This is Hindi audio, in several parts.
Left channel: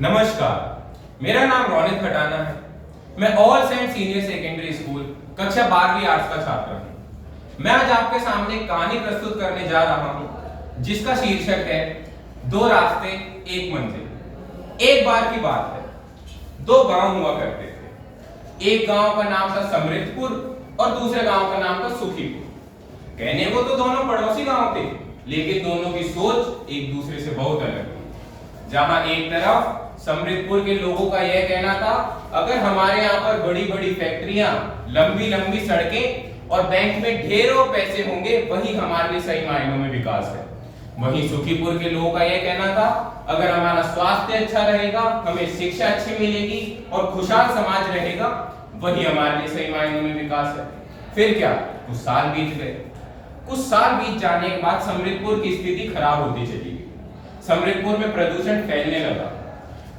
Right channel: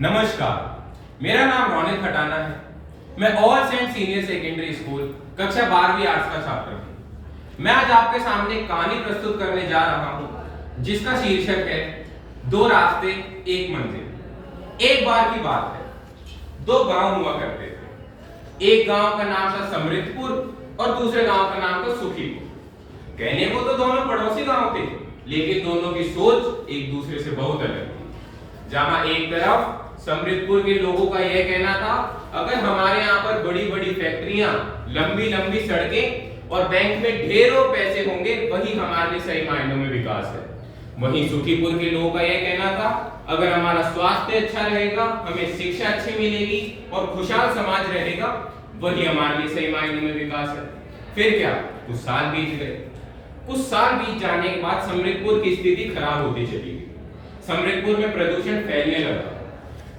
नमस्कार, मेरा नाम रौनिक खटाना है। मैं All Saint Senior Secondary School कक्षा 12वीं आर्ट्स का छात्र हूँ। मैं आज आपके सामने एक कहानी प्रस्तुत करने जा रहा हूँ जिसका शीर्षक है दो रास्ते एक मंजिल। एक बार की बात है, दो गांव हुआ करते थे। एक गांव का नाम था समृद्धपुर और दूसरे गांव का नाम था सुखीपुर। कहने को तो दोनों पड़ोसी गांव थे, लेकिन दोनों की सोच एक दूसरे से बहुत अलग थी। जहां एक तरफ समृद्धपुर के लोगों का यह कहना था, अगर हमारे यहाँ पर बड़ी बड़ी फैक्ट्रियां, लंबी लंबी सड़कें और बैंक में ढेरों पैसे होंगे, वही हमारे लिए सही मायनों में विकास है। वहीं सुखीपुर के लोगों का यह कहना था, अगर हमारा स्वास्थ्य अच्छा रहेगा, हमें शिक्षा अच्छी मिलेगी और खुशहाल समाज रहेगा, वही हमारे लिए सही मायनों में विकास है। फिर क्या, कुछ साल बीत गए। कुछ साल बीत जाने के बाद समृद्धपुर की स्थिति खराब होती चली गई। समृद्धपुर में प्रदूषण फैलने लगा।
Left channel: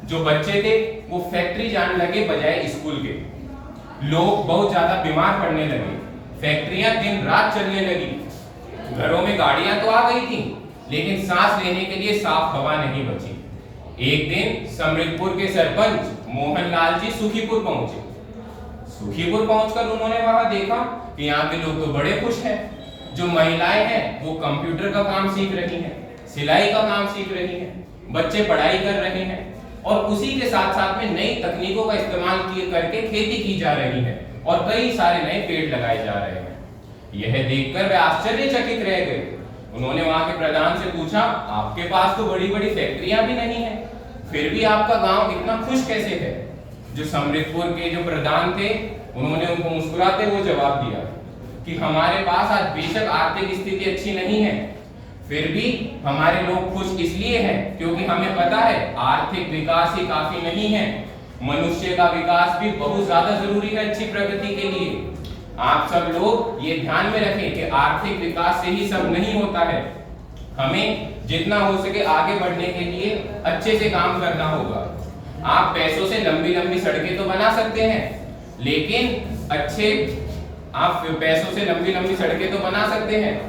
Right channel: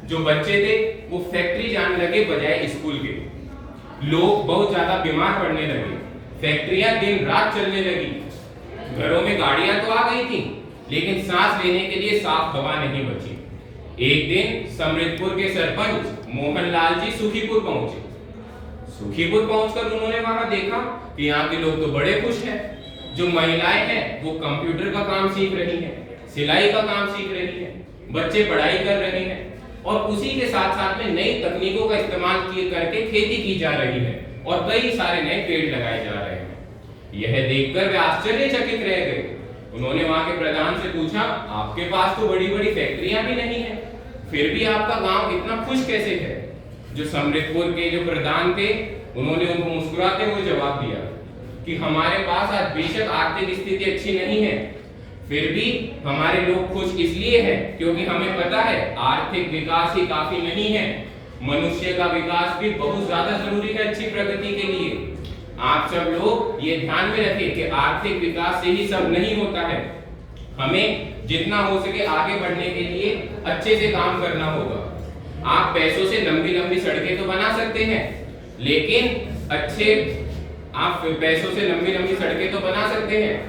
जो बच्चे थे वो फैक्ट्री जाने लगे बजाय स्कूल के। लोग बहुत ज्यादा बीमार पड़ने लगे। फैक्ट्रियां दिन रात चलने लगी। घरों में गाड़ियां तो आ गई थी, लेकिन सांस लेने के लिए साफ हवा नहीं बची। एक दिन समृद्धपुर के सरपंच मोहनलाल जी सुखीपुर पहुंचे। सुखीपुर पहुंचकर उन्होंने वहां देखा कि यहाँ के लोग तो बड़े खुश हैं। जो महिलाएं हैं वो कंप्यूटर का काम सीख रही हैं, सिलाई का काम सीख रही हैं, बच्चे पढ़ाई कर रहे हैं और उसी के साथ साथ में नई तकनीकों का इस्तेमाल करके खेती की जा रही है और कई सारे नए पेड़ लगाए जा रहे हैं। यह देखकर वे आश्चर्यचकित रह गए। उन्होंने वहां के प्रधान से पूछा, आपके पास तो बड़ी बड़ी फैक्ट्रियां भी नहीं है, फिर भी आपका गांव इतना खुश कैसे है? जो समृद्धपुर के जो प्रधान थे, उन्होंने उनको मुस्कुराते हुए जवाब दिया कि हमारे पास आज बेशक आर्थिक स्थिति अच्छी नहीं है, फिर भी हमारे लोग खुश इसलिए हैं क्योंकि हमें पता है आर्थिक विकास ही काफी नहीं है, मनुष्य का विकास भी बहुत ज्यादा जरूरी है अच्छी प्रगति के लिए। आप सब लोग ये ध्यान में रखें कि आर्थिक विकास से ही सब नहीं होता है। हमें जितना हो सके आगे बढ़ने के लिए अच्छे से काम करना होगा। आप पैसों से लंबी लंबी सड़कें तो बना सकते हैं, लेकिन आप पैसों से लंबी लंबी सड़कें तो बना सकते हैं,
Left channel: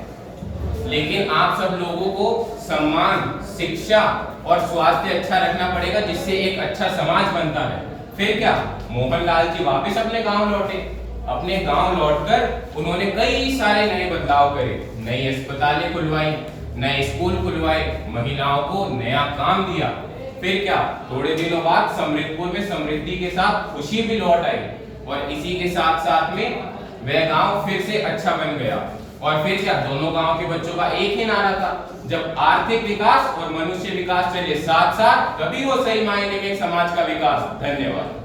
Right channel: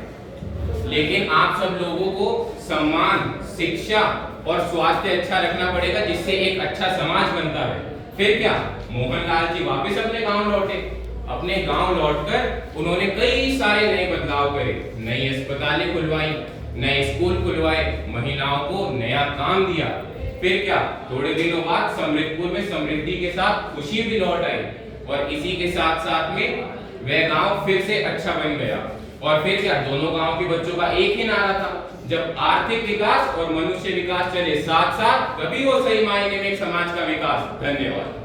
लेकिन आप सब लोगों को सम्मान, शिक्षा और स्वास्थ्य अच्छा रखना पड़ेगा, जिससे एक अच्छा समाज बनता है। फिर क्या, मोहनलाल जी वापस अपने गांव लौटे। अपने गांव लौटकर उन्होंने कई सारे नए बदलाव करे। नई अस्पतालें खुलवाई, नए स्कूल खुलवाए, महिलाओं को नया काम दिया। फिर क्या, थोड़े दिनों बाद समृद्धपुर में समृद्धि के साथ खुशी भी लौट आई और इसी के साथ साथ में वह गांव फिर से अच्छा बन गया। और फिर क्या, दोनों गांव के बच्चों का एक ही नारा था, जब आर्थिक विकास और मनुष्य विकास चले साथ साथ, तभी वो सही मायने में समाज का विकास। धन्यवाद।